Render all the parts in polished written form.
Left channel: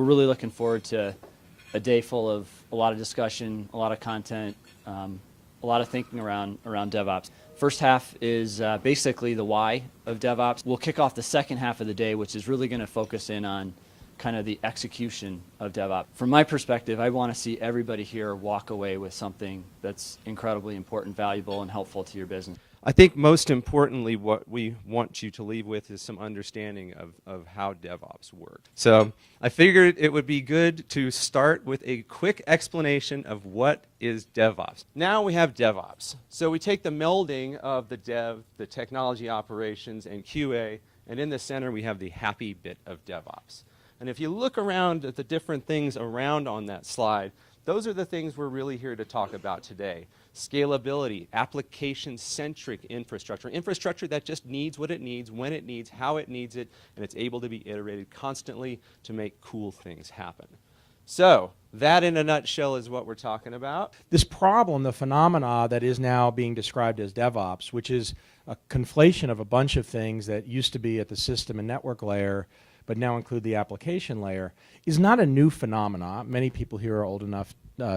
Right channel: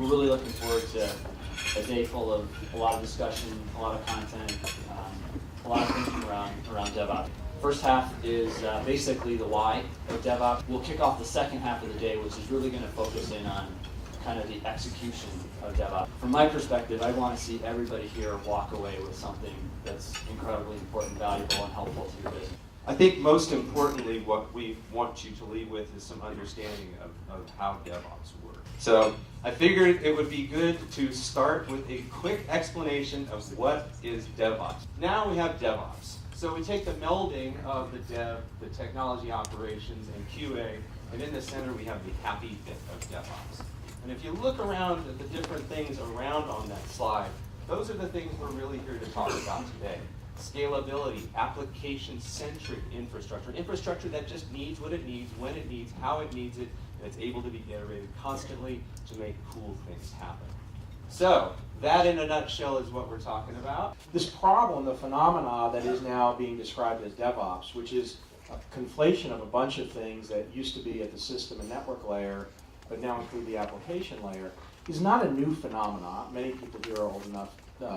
we're really looking forward to a day full of a lot of discussion, a lot of content, a lot of thinking around DevOps. First half is basically the why of DevOps. We'll kick off the second half of the day, which is really going to focus in on kind of the execution of DevOps. From my perspective, I want to see everybody here walk away with something that's incredibly important, valuable, and helpful to your business. I think most importantly, what we want you to leave with is some understanding of how DevOps works. So I figured it would be good to start with a quick explanation of what is DevOps. Now we have DevOps. So we take the melding of the dev, the technology operations, and QA, and in the center we have the happy bit of DevOps. And if you look around at the different things around on that slide, those are the things we're really here to talk about today. Scalability, application-centric infrastructure. Infrastructure that just needs what it needs, when it needs, how it needs it, and it's able to be iterated constantly to make cool things happen. So, that in a nutshell is what we're talking about. This problem, the phenomena that is now being described as DevOps, which is a conflation of a bunch of things that used to be at the system and network layer, but now include the application layer, is not a new phenomena. Many people here are old enough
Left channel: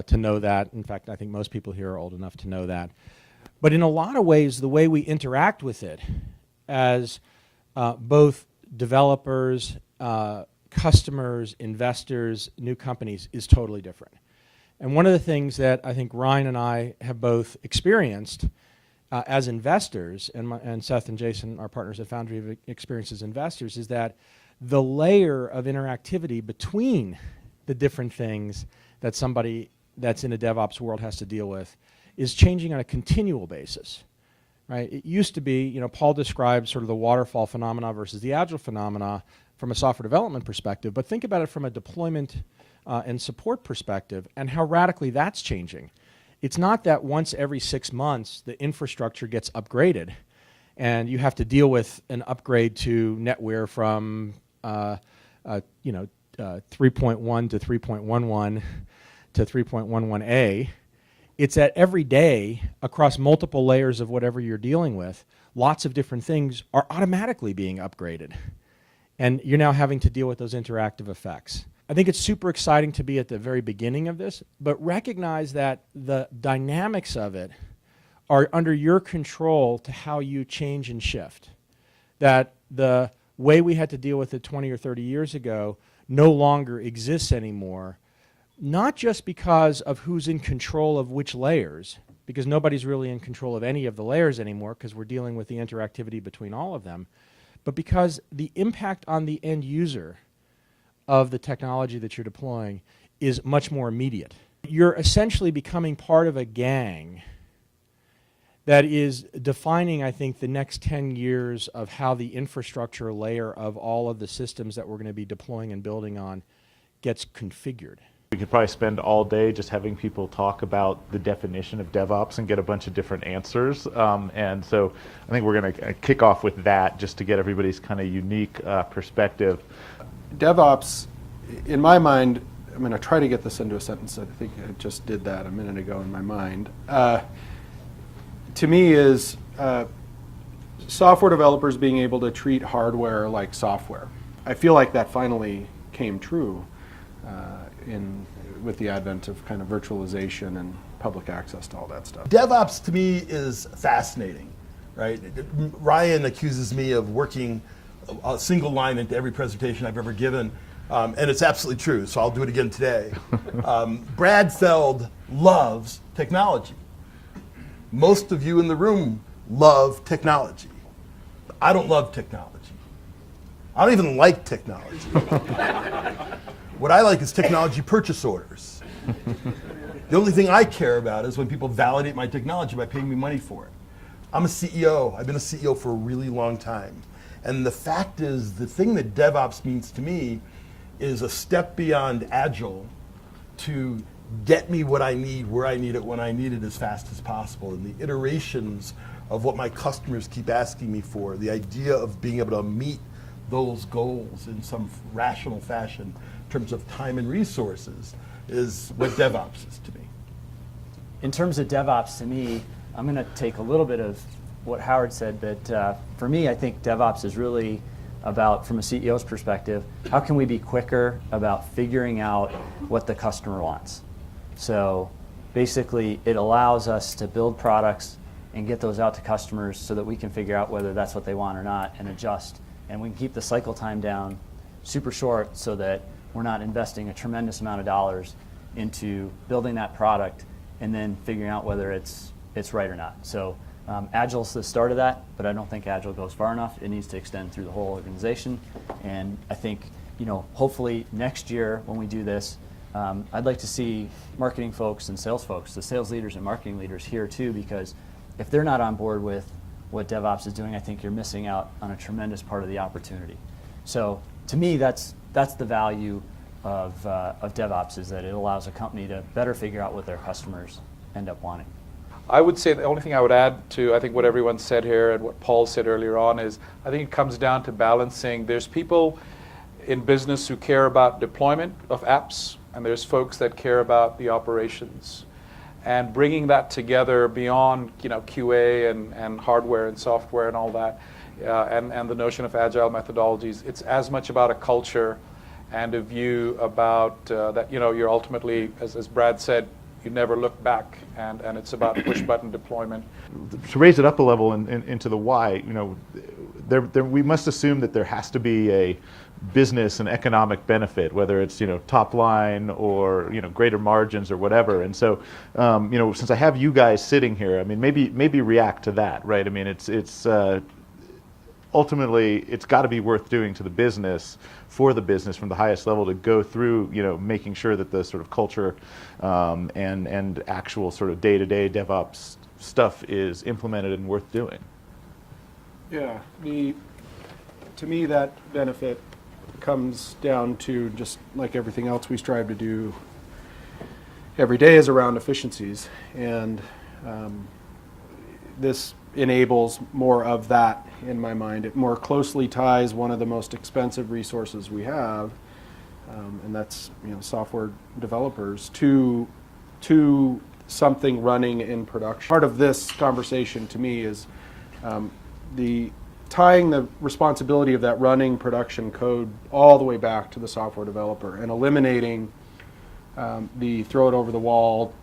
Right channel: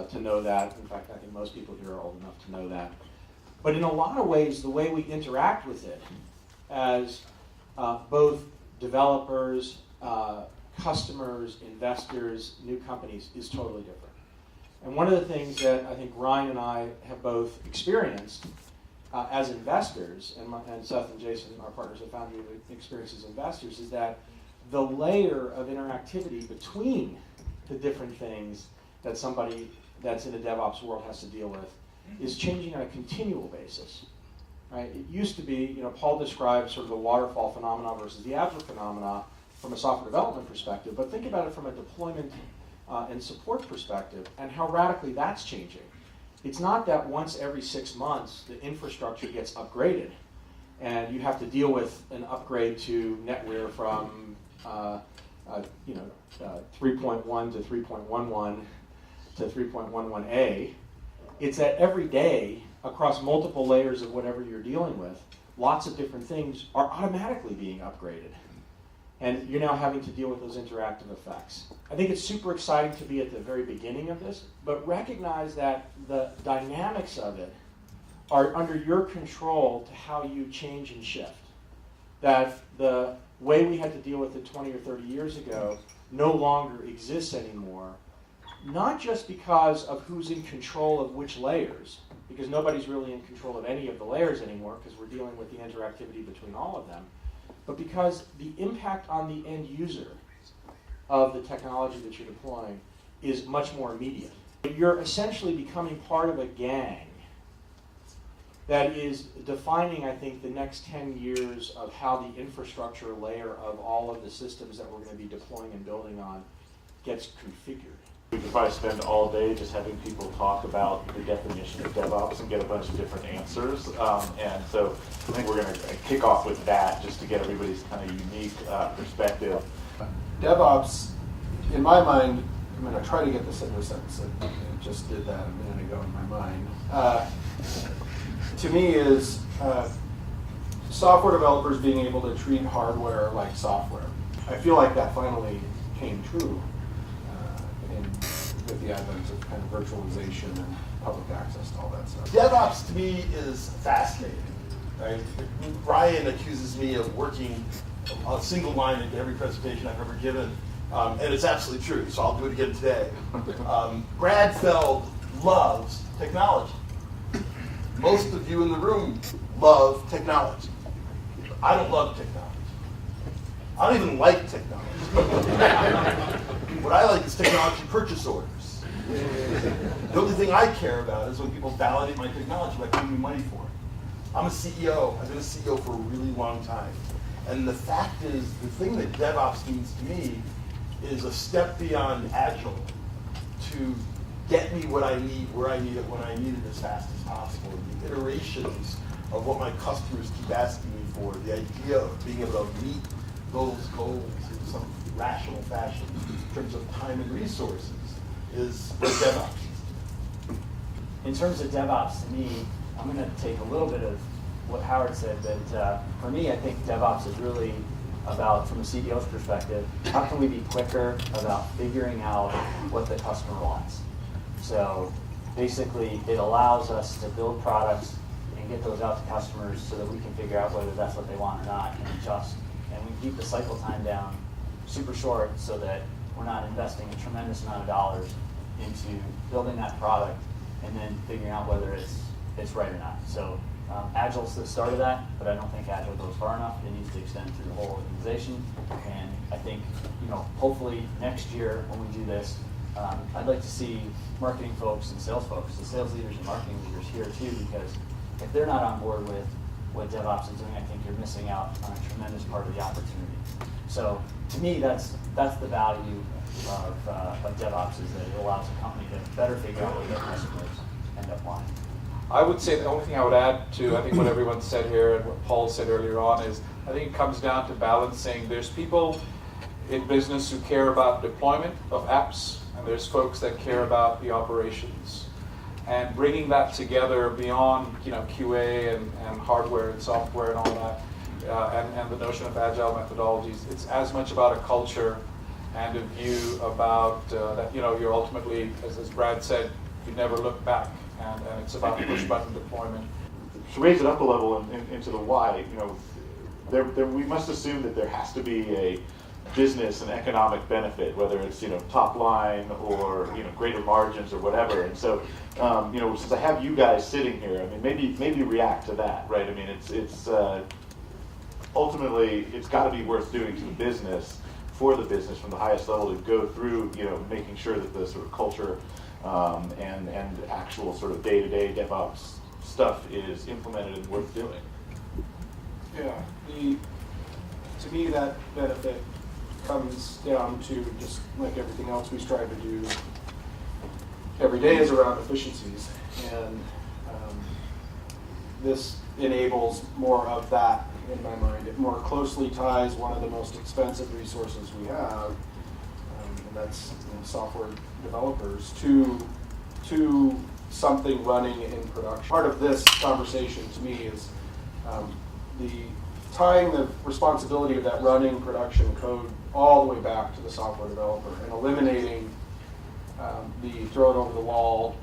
to know that. In fact, I think most people here are old enough to know that. But in a lot of ways, the way we interact with it as both developers, customers, investors, new companies is totally different. And one of the things that I think Ryan and I have both experienced as investors, and Seth and Jason, our partners at Foundry, have experienced as investors, is that the layer of interactivity between the different things that somebody that's in a DevOps world has to deal with is changing on a continual basis, right? It used to be, Paul described sort of the waterfall phenomena versus the agile phenomena from a software development perspective, but think about it from a deployment and support perspective and how radically that's changing. It's not that once every 6 months the infrastructure gets upgraded and you have to deal with an upgrade to NetWare from 3.1 to 3.11 to 3.11a. It's that every day across multiple layers of whatever you're dealing with, lots of different things are automatically being upgraded. And you're now having to deal with those interactive effects. I think it's super exciting to be at the very beginning of this, but recognize that the dynamics of it are under your control to how you change and shift. That the way we had to deal with it 20 or 30 years ago no longer exists anymore, not just because of who's in control of which layers, because nobody's really in control of any of the layers anymore because we're dealing with the interactivity between all of them, but because the impact on the end user of the technology that you're deploying is much more immediate. You're essentially becoming part of a gang that is defining, I think, the next 10 years of how the infrastructure layer of all of the systems that we're going to be deploying and building on gets configured. We could probably spend all day just having people talk about the definition of DevOps and get a bunch of different answers. And so I think we're going to kick off with that just to get everybody's kind of unique perspective. DevOps, in my mind, I'm going to try to get this into a sentence. I just did that a minute ago in my mind. To me is software developers being able to treat hardware like software. I feel like that finally came true with the advent of kind of virtualization and public access to all that stuff. DevOps to me is fascinating, right? Ryan accuses me of working a single line into every presentation I've ever given, and it's absolutely true, so I'll do it again today. Brad Feld loves technology. Most of you in the room love technology. I don't love technology. I don't even like technology. What I like is technology purchase orders. The only thing I care about is when people validate my technology by paying me money for it. I'm a CEO. I've been a CEO for a really long time. And the fact is, the thing that DevOps means to me is a step beyond Agile to get me what I need, where I need it, when I need it as fast as possible. And the iterations of what my customers keep asking me for, the idea of being able to meet those goals in some rational fashion in terms of time and resources is what DevOps is to me. In terms of DevOps, to me, I'm going to take a little bit of what Howard said, that for me, I think DevOps is really about, from a CEO's perspective, how can we be quicker about figuring out what the customer wants? So basically, it allows us to build products and get those out to customers so that we can figure out whether that's what they want or not and adjust. And we keep the cycle time down super short so that we're not investing a tremendous amount of dollars into building that product and then figuring out whether it's right or not. So Agile's the start of that, but I don't think Agile goes far enough. It needs to extend through the whole organization. And I think, hopefully next year when we do this, I'd like to see marketing folks and sales folks, the sales leaders and marketing leaders here too, because if they're not on board with what DevOps is doing, I think you're missing out on a tremendous part of the opportunity. So to me, that's the value of DevOps, is that it allows a company to better figure out what their customers end up wanting. I would say the only thing I would add to, I think, what everyone said here and what Paul said earlier on is, I think it comes down to balancing. There's people in business who care about deployment of apps, and there's folks that care about the operations. And bringing that together beyond QA and hardware and software and all that, and the notion of agile methodologies, it's as much about a culture and a view about that you're ultimately, as Brad said, you never look back, and it's about push button deployment. To raise it up a level into the why, we must assume that there has to be a business and economic benefit, whether it's top line or greater margins or whatever. And so since I have you guys sitting here, I mean maybe react to that, right? I mean it's ultimately it's got to be worth doing to the business, for the business from the highest level, to go through making sure that the sort of culture and actual sort of day-to-day DevOps stuff is implemented and worth doing. Yeah, to me that benefit comes down to, just like everything else we strive to do every day, is around efficiencies, and this enables more of that in my mind. It more closely ties one of the most expensive resources we have, and that's software developers, to something running in production. Part of this conversation to me is tying the responsibility of that running production code all the way back to the software developer, and eliminating the throw it over the wall,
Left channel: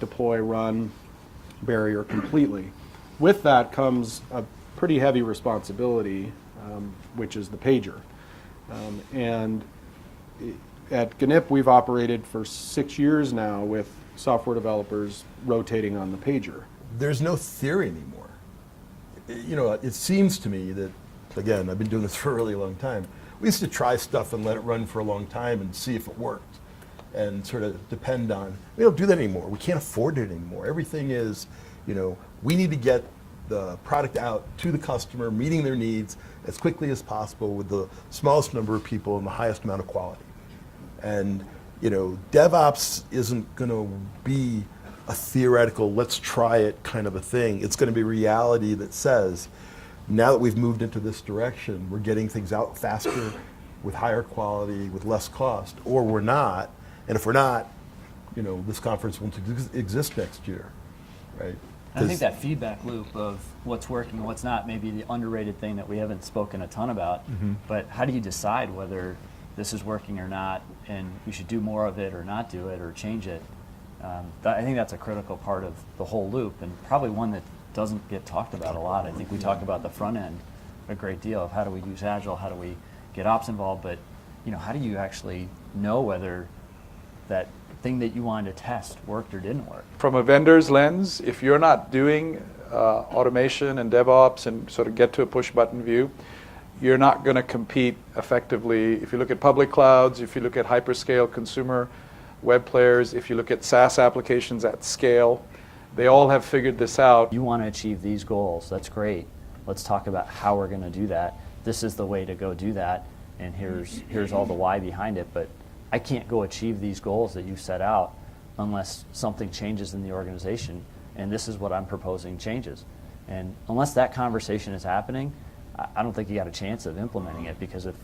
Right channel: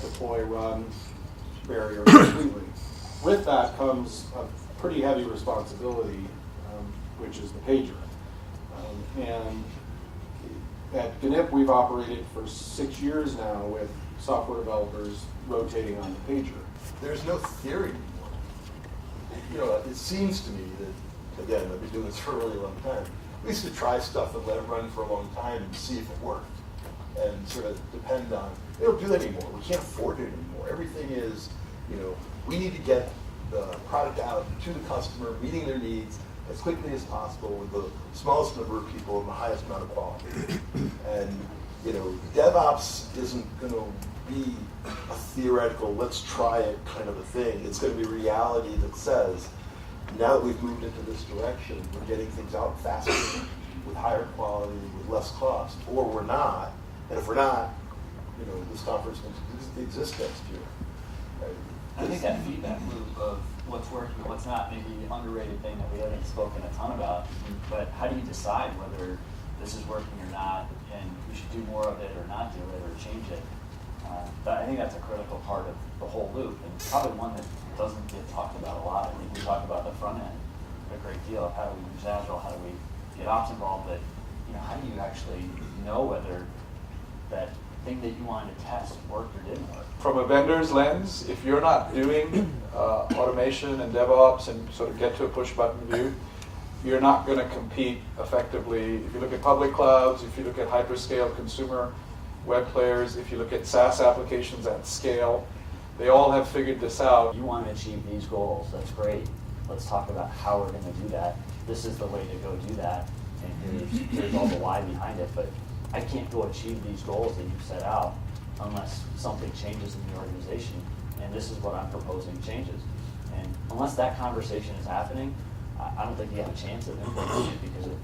deploy, run barrier completely. With that comes a pretty heavy responsibility, which is the pager. And at GNIP, we've operated for 6 years now with software developers rotating on the pager. There's no theory anymore. It seems to me that, again, I've been doing this for a really long time. We used to try stuff and let it run for a long time and see if it worked, and sort of depend on. We don't do that anymore. We can't afford it anymore. Everything is, we need to get the product out to the customer, meeting their needs as quickly as possible with the smallest number of people and the highest amount of quality. And DevOps isn't going to be a theoretical, let's try it kind of a thing. It's going to be reality that says, now that we've moved into this direction, we're getting things out faster, with higher quality, with less cost, or we're not. And if we're not, this conference won't exist next year, right? I think that feedback loop of what's working, what's not, maybe the underrated thing that we haven't spoken a ton about. Mm-hmm. But how do you decide whether this is working or not, and we should do more of it or not do it or change it? I think that's a critical part of the whole loop, and probably one that doesn't get talked about a lot. I think we talk about the front end a great deal of how do we use Agile, how do we get ops involved, but how do you actually know whether that thing that you wanted to test worked or didn't work? From a vendor's lens, if you're not doing automation and DevOps and sort of get to a push button view, you're not going to compete effectively. If you look at public clouds, if you look at hyperscale consumer web players, if you look at SaaS applications at scale, they all have figured this out. You want to achieve these goals, that's great. Let's talk about how we're going to do that. This is the way to go do that, and here's all the why behind it. But I can't go achieve these goals that you set out unless something changes in the organization, and this is what I'm proposing changes. And unless that conversation is happening, I don't think you have a chance of implementing it, because if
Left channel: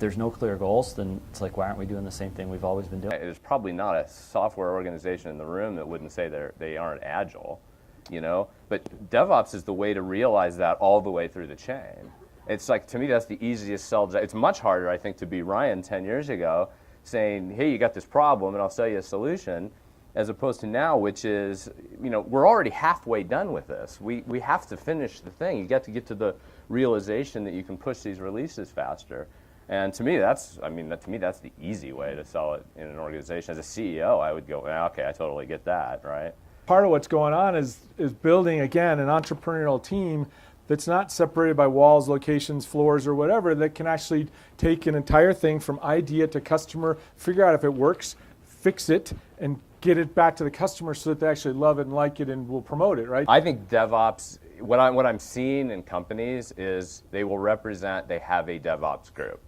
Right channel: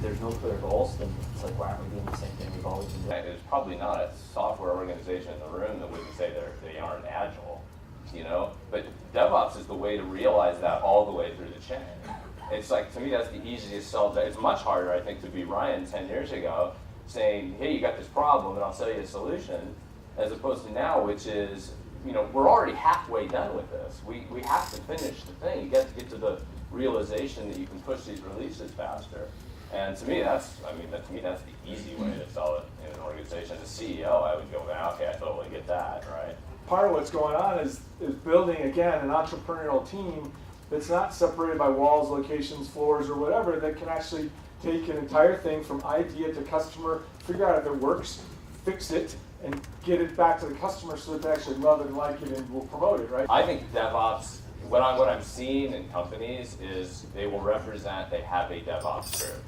there's no clear goals, then it's like, why aren't we doing the same thing we've always been doing? There's probably not a software organization in the room that wouldn't say they aren't agile. you know? But DevOps is the way to realize that all the way through the chain. It's like, to me, that's the easiest sell. It's much harder, I think, to be Ryan 10 years ago saying, hey, you got this problem and I'll sell you a solution, as opposed to now, which is, you know, we're already halfway done with this. We have to finish the thing. You got to get to the realization that you can push these releases faster. And to me, that's the easy way to sell it in an organization. As a CEO, I would go, well, okay, I totally get that, right? Part of what's going on is building, again, an entrepreneurial team that's not separated by walls, locations, floors, or whatever, that can actually take an entire thing from idea to customer, figure out if it works, fix it, and get it back to the customer so that they actually love it and like it and will promote it, right? I think DevOps, what I'm seeing in companies is they will represent, they have a DevOps group.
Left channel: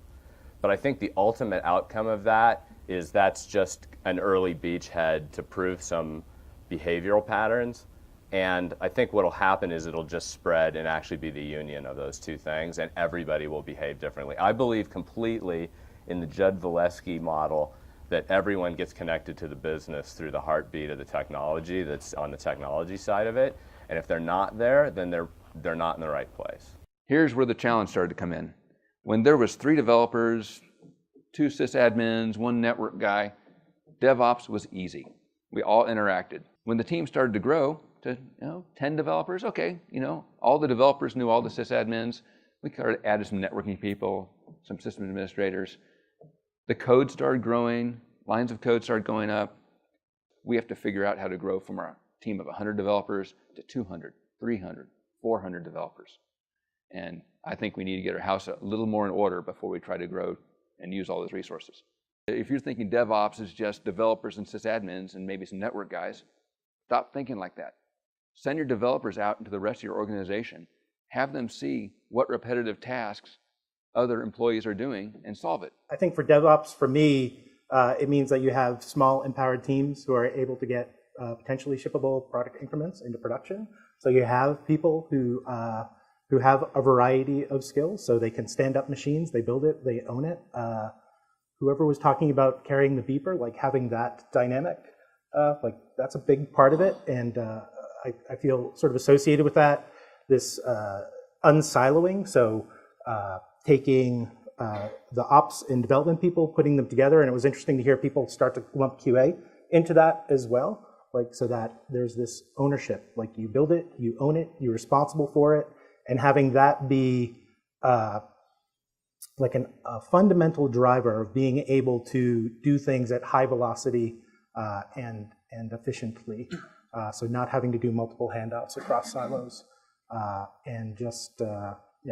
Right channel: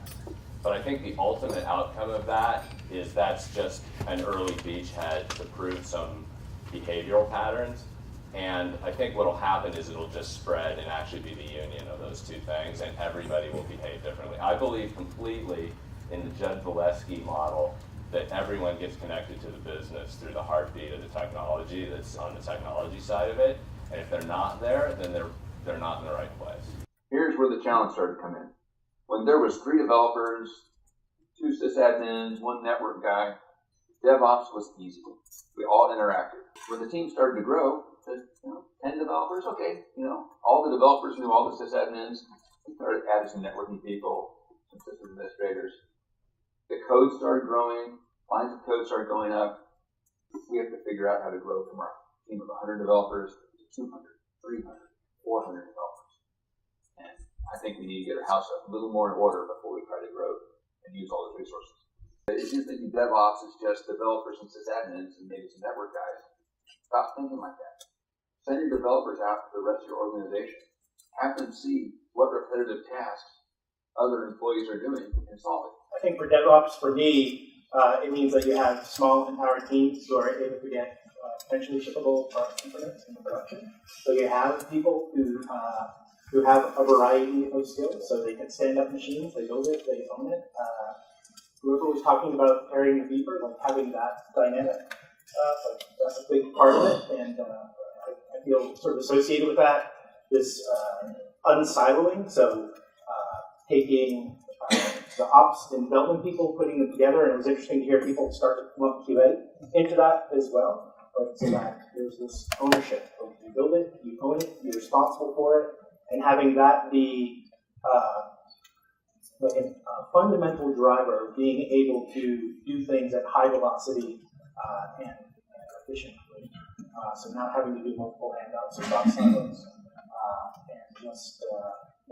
But I think the ultimate outcome of that is that's just an early beachhead to prove some behavioral patterns. And I think what'll happen is it'll just spread and actually be the union of those two things, and everybody will behave differently. I believe completely in the Jed Valesky model that everyone gets connected to the business through the heartbeat of the technology that's on the technology side of it. And if they're not there, then they're not in the right place. Here's where the challenge started to come in. When there was 3 developers, 2 sysadmins, 1 network guy, DevOps was easy. We all interacted. When the team started to grow to 10 developers, okay, all the developers knew all the sysadmins. We started adding some networking people, some system administrators. The code started growing, lines of code started going up. We have to figure out how to grow from our team of 100 developers to 200, 300, 400 developers. And I think we need to get our house a little more in order before we try to grow and use all those resources. If you're thinking DevOps is just developers and sysadmins and maybe some network guys, stop thinking like that. Send your developers out into the rest of your organization. Have them see what repetitive tasks other employees are doing and solve it. I think for DevOps, for me, it means that you have small empowered teams who are able to get potentially shippable product increments into production. So you have people who have a variety of skills, so they can stand up machines, they build it, they own it. Whoever was talking about carrying the beeper, like having that dynamic, like that's a big part of it, and I feel sort of associated with that, this unsiloing, so taking the ops and development people, putting them together, and it was interesting to hear people start to lump QA into that as well, like so that there's this ownership, like you build it, you own it, you're responsible for it, and having that be like a fundamental driver of being able to do things at high velocity and efficiently. So not having to do multiple handoffs across silos, and just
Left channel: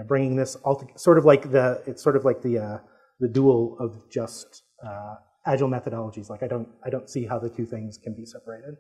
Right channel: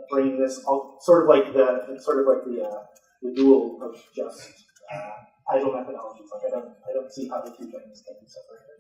bringing this all sort of like the dual of just agile methodologies. Like I don't see how the two things can be separated.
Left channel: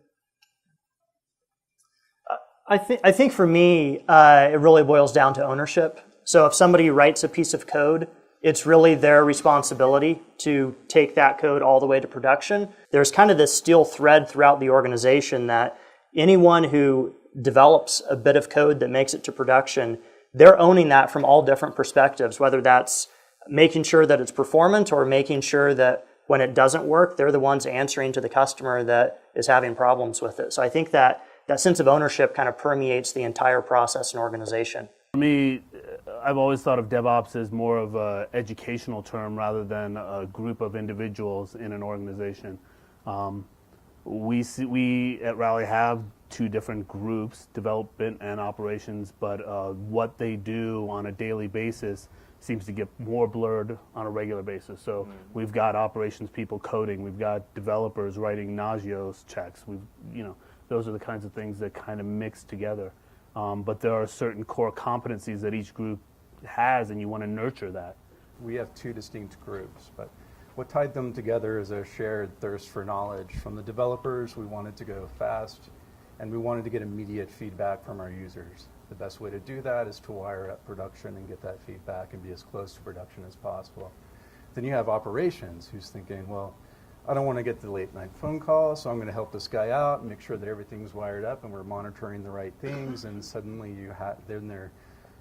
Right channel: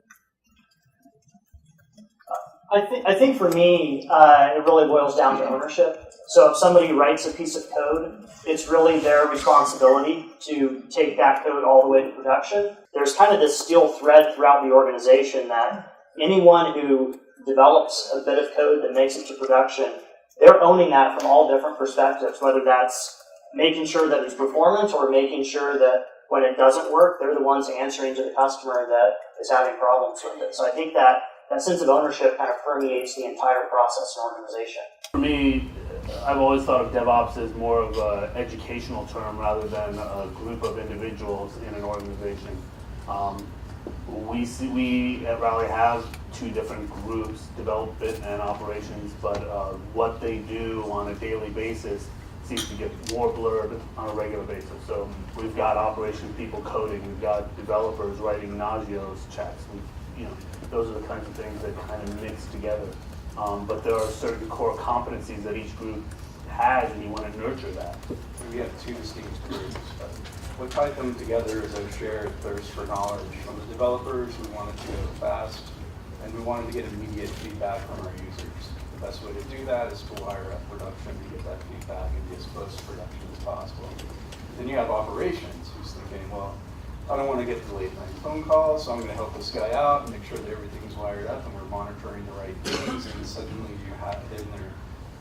I think for me, it really boils down to ownership. So if somebody writes a piece of code, it's really their responsibility to take that code all the way to production. There's kind of this steel thread throughout the organization that anyone who develops a bit of code that makes it to production, they're owning that from all different perspectives, whether that's making sure that it's performant or making sure that when it doesn't work, they're the ones answering to the customer that is having problems with it. So I think that sense of ownership kind of permeates the entire process and organization. For me, I've always thought of DevOps as more of an educational term rather than a group of individuals in an organization. We at Rally have 2 different groups, development and operations, but what they do on a daily basis seems to get more blurred on a regular basis. So we've got operations people coding, we've got developers writing Nagios checks, and, those are the kinds of things that kind of mix together. But there are certain core competencies that each group has, and you want to nurture that. We have 2 distinct groups, but what tied them together is a shared thirst for knowledge. From the developers, we wanted to go fast, and we wanted to get immediate feedback from our users. The best way to do that is to wire up production and get that feedback and be as close to production as possible. Then you have operations, who's thinking, well, I don't want to get the late night phone call, so I'm going to help this guy out and make sure that everything's wired up and we're monitoring the right things. And suddenly you have them, they're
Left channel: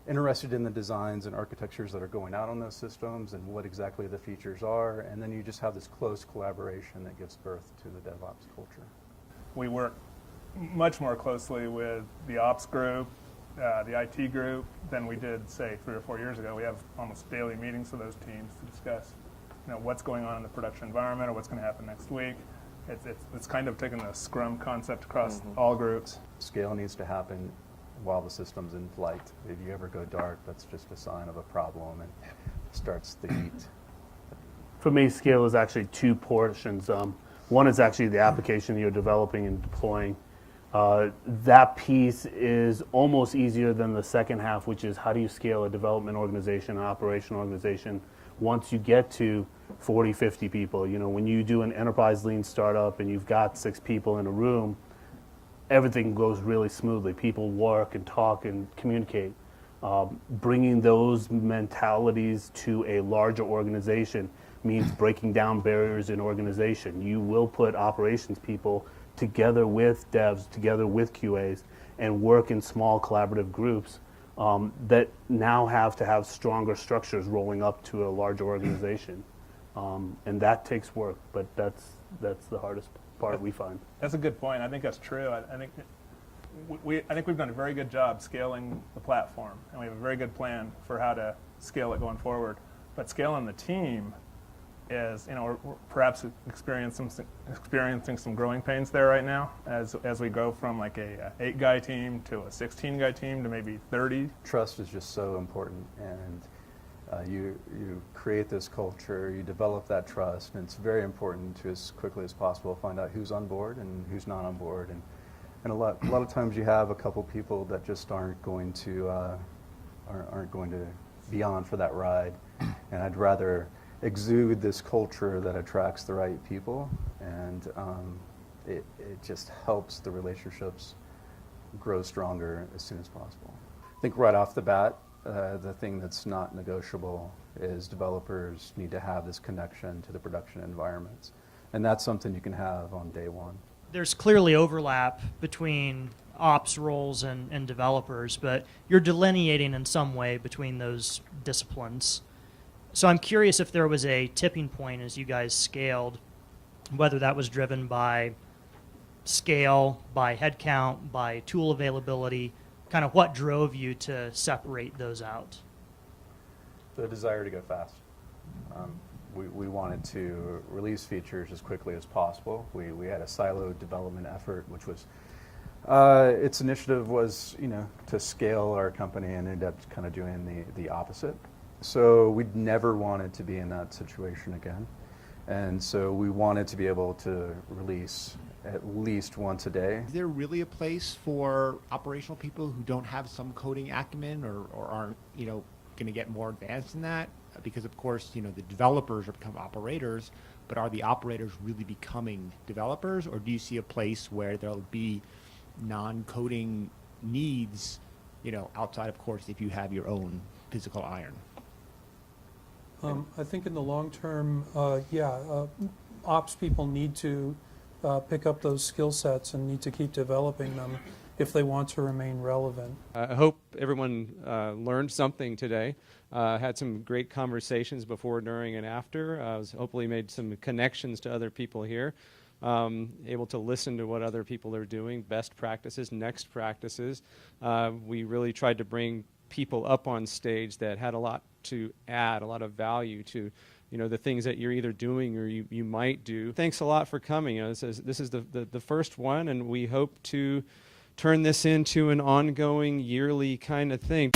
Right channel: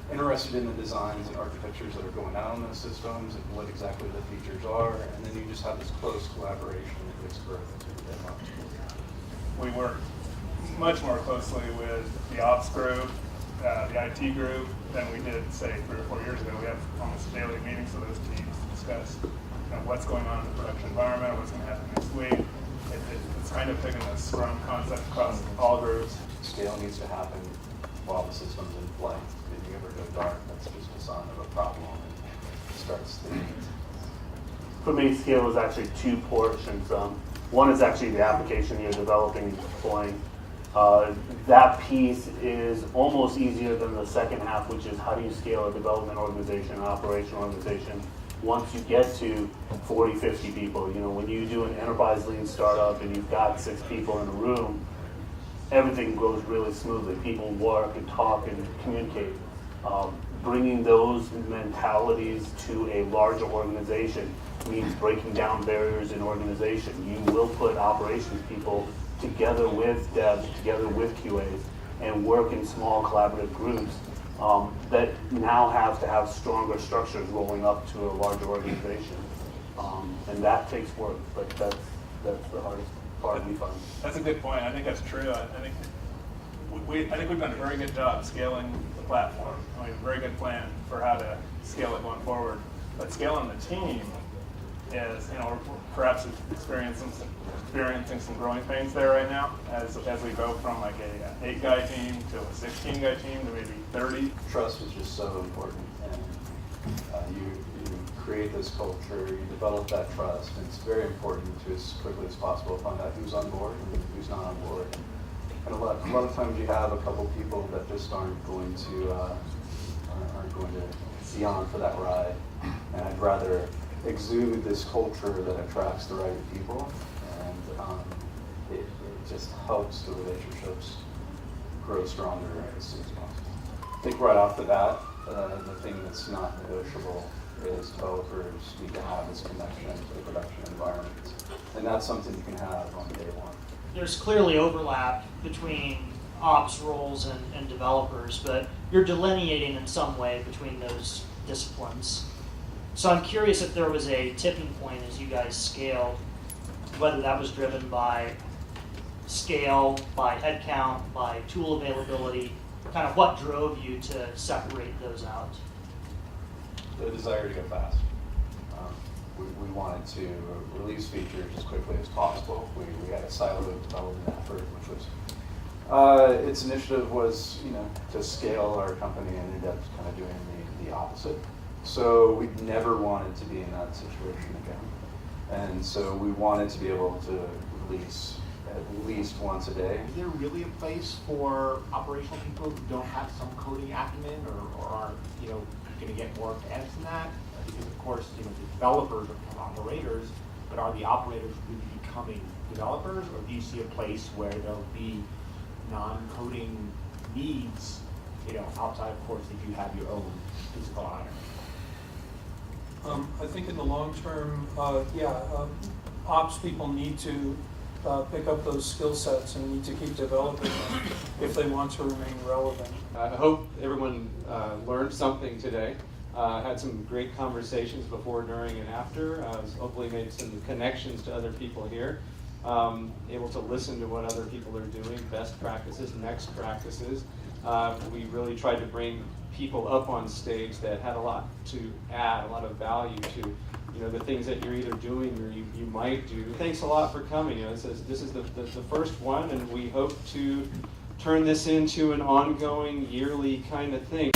interested in the designs and architectures that are going out on those systems and what exactly the features are. And then you just have this close collaboration that gives birth to the DevOps culture. We work much more closely with the ops group, the IT group, than we did, say, 3 or 4 years ago. We have almost daily meetings with those teams to discuss what's going on in the production environment or what's going to happen next week. It's kind of taking a scrum concept across all groups. Scale needs to happen while the system's in flight. If you ever go dark, that's just a sign of a problem and it starts to eat. For me, scale is actually 2 portions. One is actually the application you're developing and deploying. That piece is almost easier than the second half, which is how do you scale a development organization, an operational organization, once you get to 40, 50 people. When you do an enterprise lean startup and you've got 6 people in a room, everything goes really smoothly. People work and talk and communicate. Bringing those mentalities to a larger organization means breaking down barriers in organization. You will put operations people together with devs, together with QAs, and work in small collaborative groups that now have to have stronger structures rolling up to a larger organization. And that takes work, but that's the hardest part we find. That's a good point. I think that's true. I think we've done a very good job scaling the platform. A very good plan for how to scale it going forward. But scaling the team is, we're perhaps experiencing some growing pains there right now as we go from like a 8-guy team to a 16-guy team to maybe 30. Trust is just so important, and you create this culture, you develop that trust, and it's very important to, as quickly as possible, find out who's on board and who's not on board. And a lot of times you have a couple people that just aren't going to be on for that ride, and I'd rather exude this culture that attracts the right people, and it just helps the relationships grow stronger as soon as possible. I think right off the bat, the thing that's not negotiable is developers need to have this connection to the production environment, and that's something you can have on day one. There's clearly overlap between ops roles and developers, but you're delineating in some way between those disciplines. So I'm curious if there was a tipping point as you guys scaled, whether that was driven by scale, by headcount, by tool availability, kind of what drove you to separate those out? The desire to go fast. We wanted to release features as quickly as possible. We had a siloed development effort, which was its initiative was to scale our company, and ended up kind of doing the opposite. So we never wanted to be in that situation again, and so we wanted to be able to release at least once a day. Is there really a place for operational people who don't have some coding acumen or aren't going to get more advanced in that? Because of course, the developers are kind of operators, but are the operators really becoming developers, or do you see a place where there'll be non-coding needs, outside, of course, if you have your own physical iron? I think in the long term, ops people need to pick up those skill sets and need to keep developing them if they want to remain relevant. I hope everyone learned something today. Had some great conversations before, during, and after. Hopefully made some connections to other people here. Able to listen to what other people are doing, best practices, next practices. We really tried to bring people up on stage that had a lot to add, a lot of value to the things that you're either doing or you might do. Thanks a lot for coming. This is the first one, and we hope to turn this into an ongoing, yearly kind of thing.